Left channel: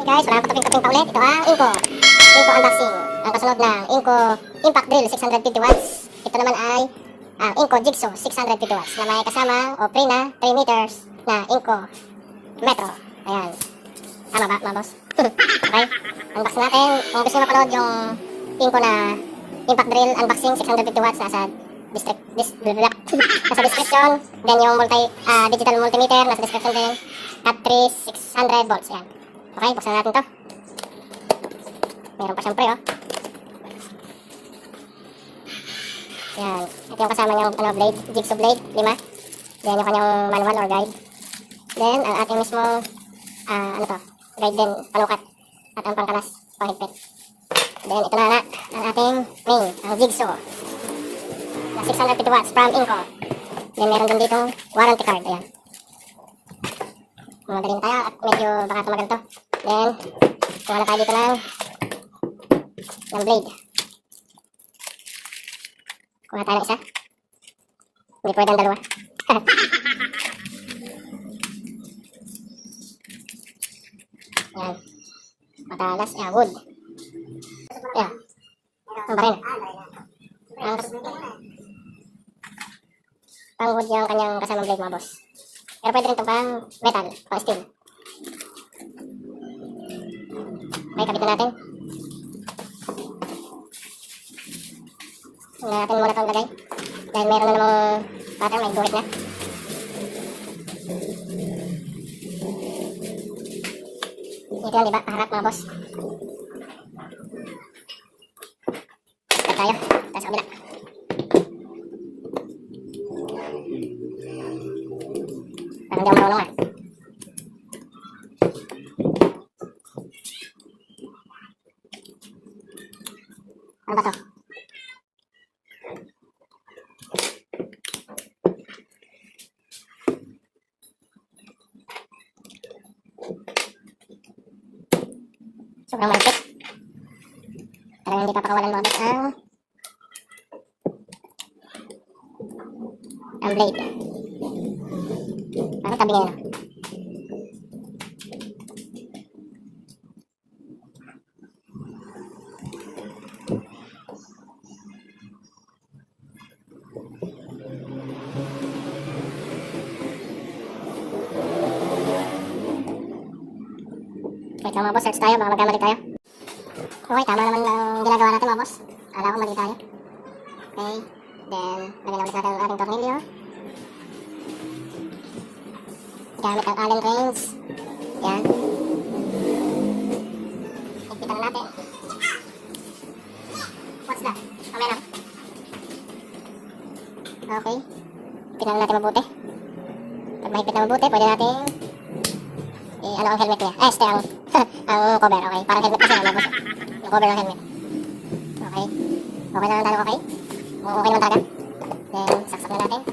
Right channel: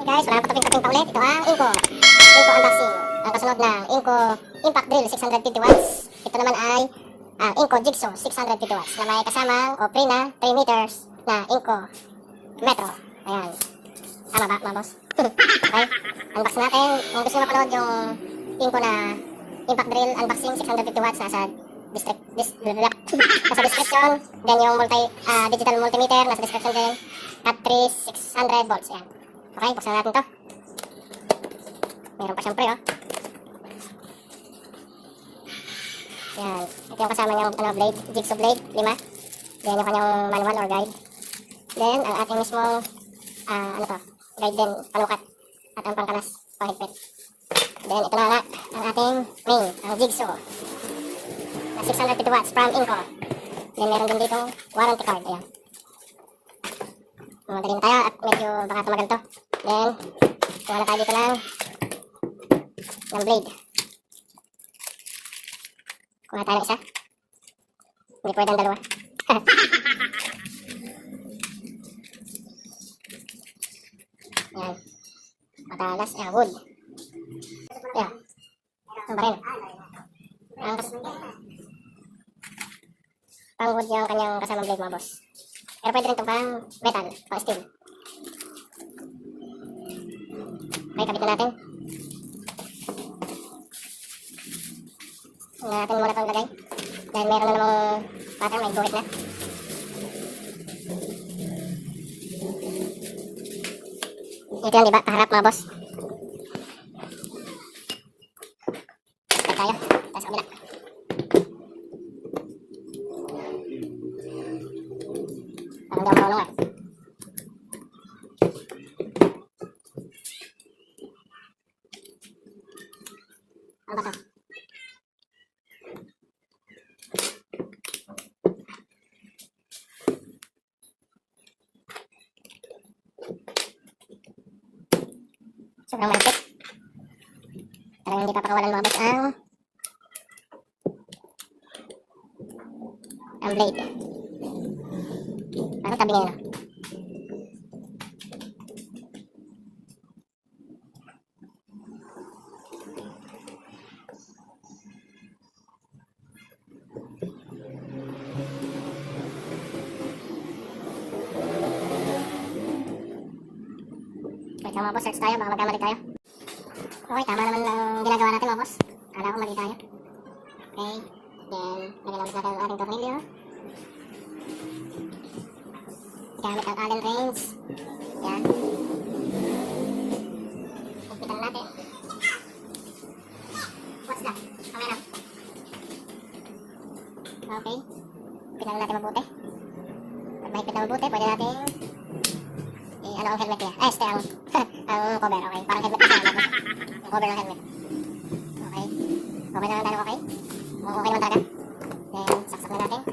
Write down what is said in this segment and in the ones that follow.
Hey guys, walang kaping-kaping pa ulit. Ito ang Inco unboxing. Ang kasunod na Inco Impact Drill 650 watts. Ito naman ay ang Inco Jigsaw 650 watts na may kasama o pre na 3 meters na Inco Metro. Ayan. Tama ba mga boss? Okay. Unboxing natin. Kung gusto nyo mapanood yung Inco na Impact Drill unboxing 650 watts nasa description. Then yung digital multimeter nasa description din. At 600 volts. Ayan. Okay, buksan natin to. Meron pa siyang pre, oh. Yan. Ito yung kasama niyang blade, jigsaw blade, 5. Then yung kanyang manual or guide. Then ang ating mismong guide din, panukat. At ang pangkalas, panghigpit. Then ito na nga, ang ating main, ang jigsaw. Na 650 watts from Inco. Then meron din dito warranty card, ayan. Madaling tayo at medyo baka tumagal to. Then, kuha na tayo dito ng blade. Kuha tayo ng isa. Hindi pwede ang dalawa. Ayan. Matalas. Ayan, wood. Ayan. Ang baril. Pang wood yung kanyang kasamang blade mga boss. Pero pwede rin ito pang metal, pang steel. Okay, kabit na natin. Natin muna itong lagay. Dahil meron na namang pattern, may guhit na. Ito yan, diba? Kaharap mga boss. Start tayo. Tayo sa kabila. Parang di ako marunong ah. Ano ba to? Sobrang malapit. Talagang hindi papakawalan mga boss ang blade. Parang tabi ngayon. Wait lang mga boss, search tayo, baka magkamali tayo. Okay, tama naman ang ginagawa natin mga boss. Akala ko mali tayo. Okay, then lagyan ulit natin ang ating tornilyo. Gamit ang Allen wrench. Yan. Higpitan na natin. What's that? Kamera. Okay. Higpitan na natin mabuti. Pag mahigpit na mabuti, pwede natin ano ang helmet niya? Ang cover, okay. Parang helmet kasi ano. Yung cover ng helmet. Okay. Okay na lang tayo, okay? Okay naman talaga. Then, saksak na natin.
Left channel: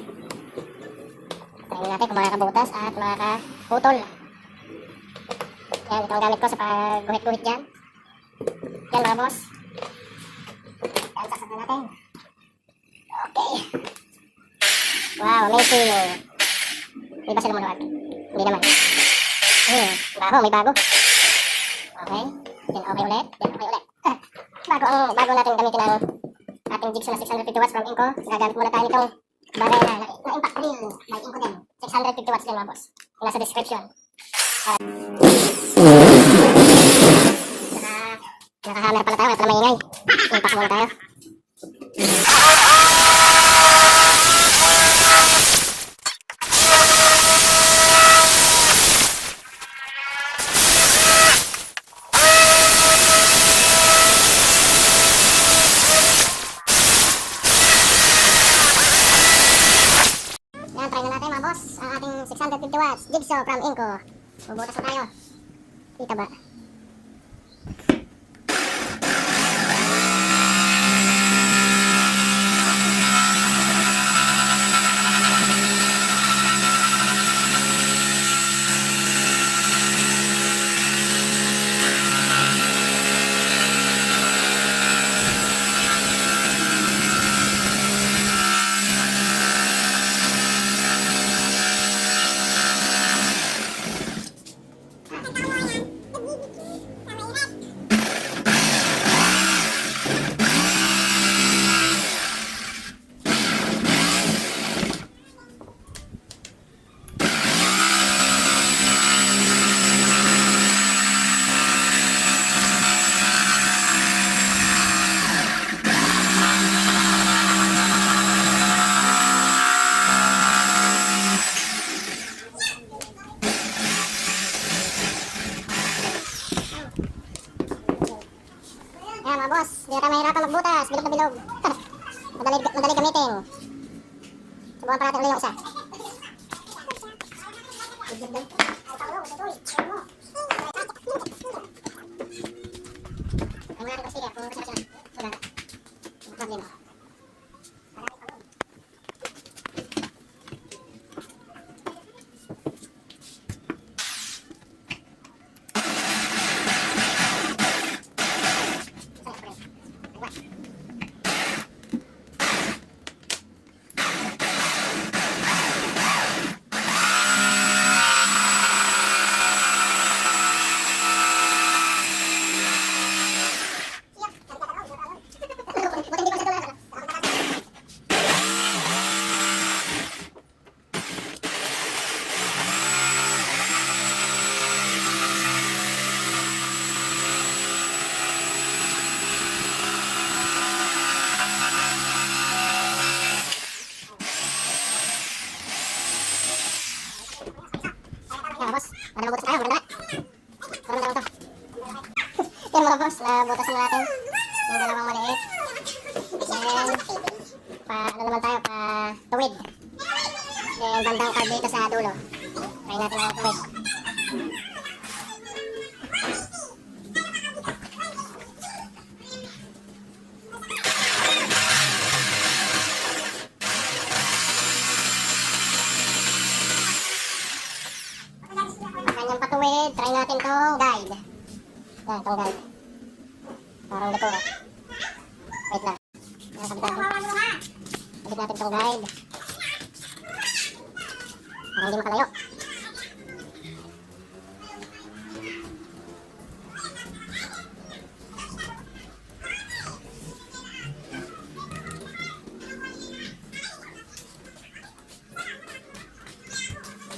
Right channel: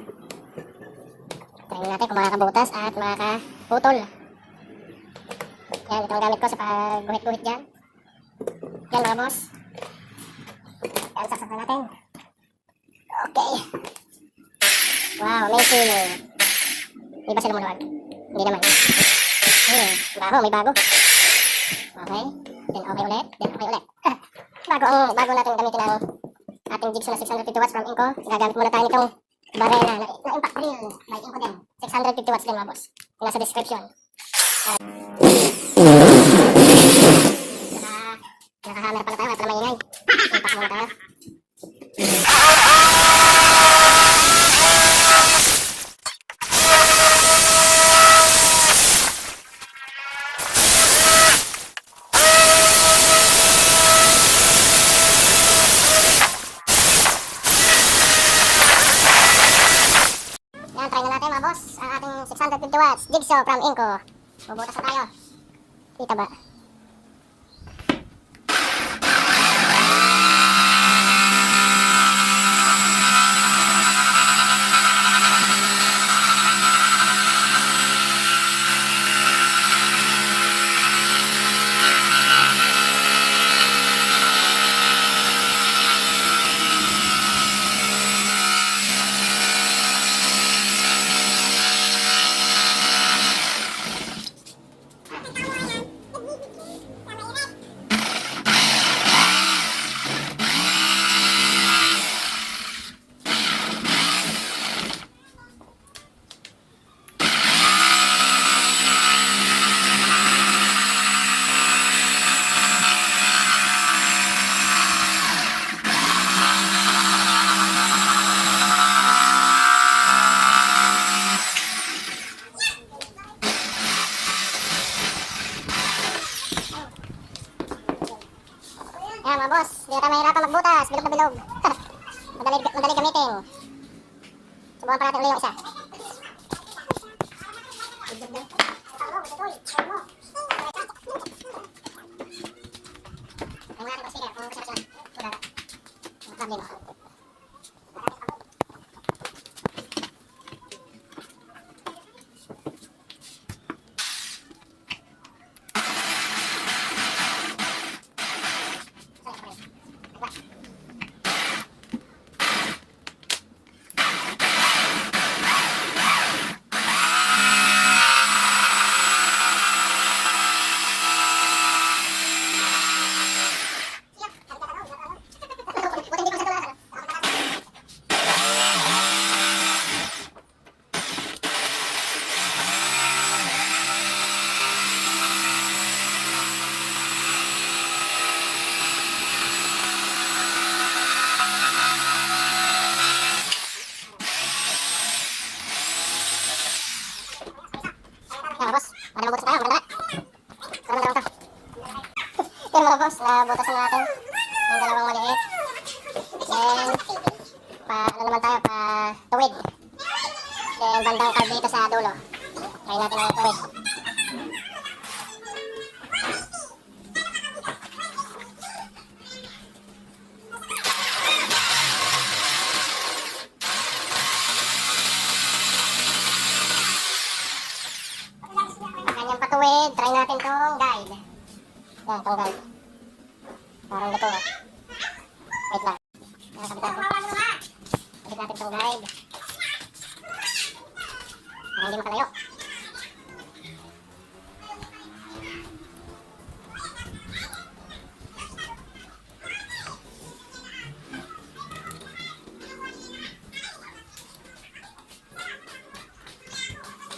Try natin kung makakabutas at makakaputol. Yan, ito ang gamit ko sa pag-guhit-guhit dyan. Yan mga boss. Yan, saksak na natin. Okay. Wow, amazing. Di ba sila maluwag? Hindi naman. Bago, may bago. Okay. Then okay ulit. Then okay ulit. Bago natin gamitin ang ating jigsaw na 650 watts from Inco. Gagamit muna tayo nitong bagay na impact drill by Inco din. 650 watts din mga boss. Yung nasa description. Naka-hammer pala tayo at na maingay. Impact muna tayo. Yan, try na natin mga boss ang ating 650 watts jigsaw from Inco. Bubutas na tayo. Kita ba? Ayan mga boss, hindi na tayo mahirapan magbutas, bilog na bilog. madali gamitin. Subukan pa natin ulit yung isa. Ang natin kasi kaya kung kasi na. Wala. Problem. Ayan mga boss, ada mabutas tayo, maganda nga. Marami to. Ayan mga boss, nabutasan na natin ng dalawang maliit. Then, ano naman tayo, tuwid. Then, bandang carb dito sa dulo. Try natin ang tuwid. Kanyang patuwid, try natin tong guide. Yan, tong guide. Parang dito. Wait lang. Nakakabit ako. Kabit natin tong guide. Para hindi makalayo.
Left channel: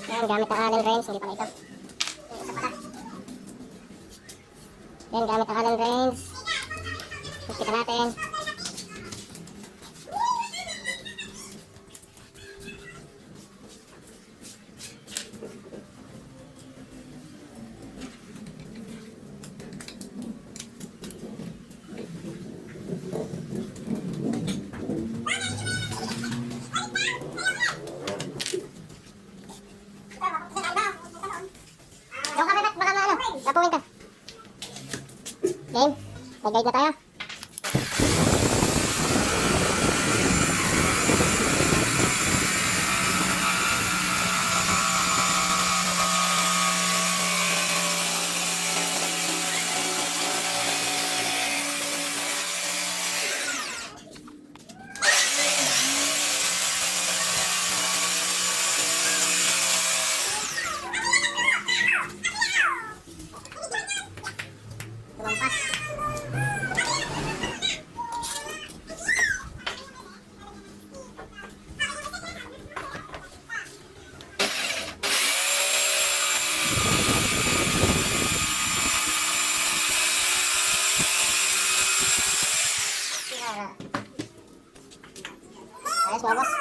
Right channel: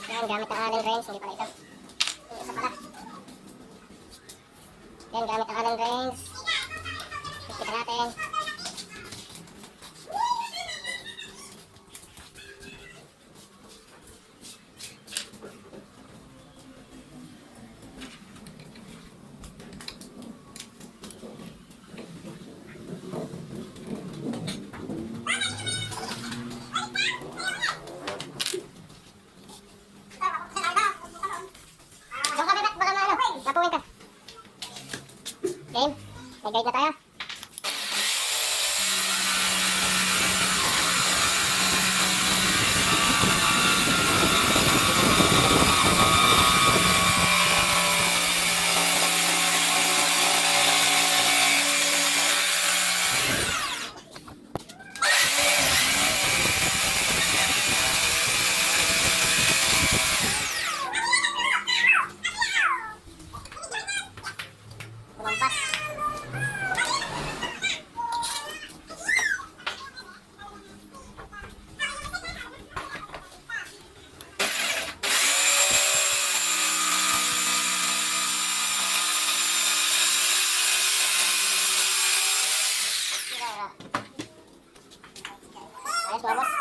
Yan, gamit ang Allen wrench, hindi pala ito. Yung isa pala. Yan, gamit ang Allen wrench. Kita natin. Yung kabibat, baka na ano, napuwin ka. Game, may guide na tayo. Lumampas. Ayos mga boss.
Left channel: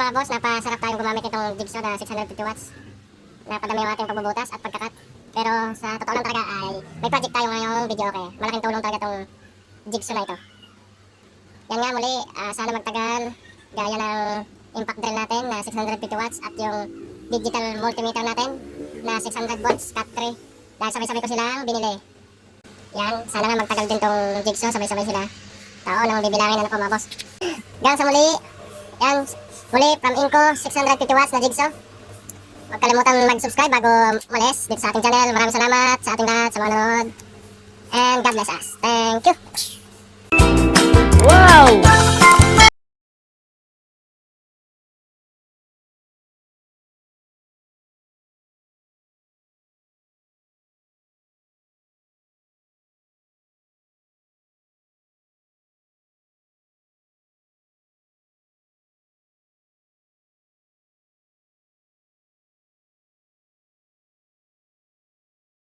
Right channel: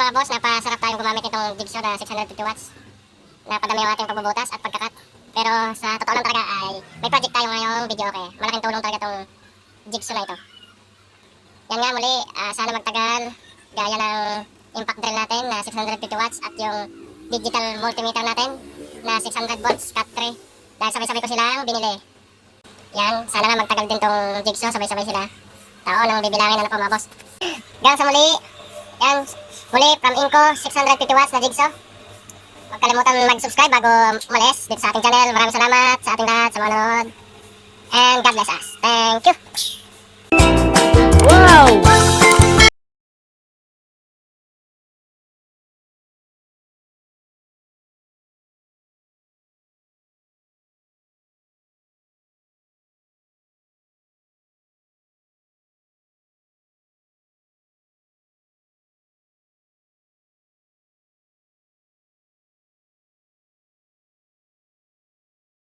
Ayun mga boss, napasarap tayong gumamit itong jigsaw na 650 watts. Napadami yung ating pagbubutas at pagkakat. Pero sa totoo lang talaga ay may project tayo ngayong video okay. Malaking tulong talaga itong jigsaw na ito. Yan nga muli, sana magtagal. Gaya ng impact drill natin na 650 watts at yung digital multimeter natin na 600 volts cut 3. Dahil sabay-sabay ko silang binili. Yan, sana nga magtagal din tong jigsaw, sabay-sabay sila. Tao nang bibilangin na po mga boss. Hanggang sa muli, yan, muli from Inco, 650 watts na jigsaw. Huwag kalimutan mag-subscribe bago umalis dito sa ating channel. Maraming salamat sa ating lahat sa mga nanonood. And God bless us. Thank you! Wow!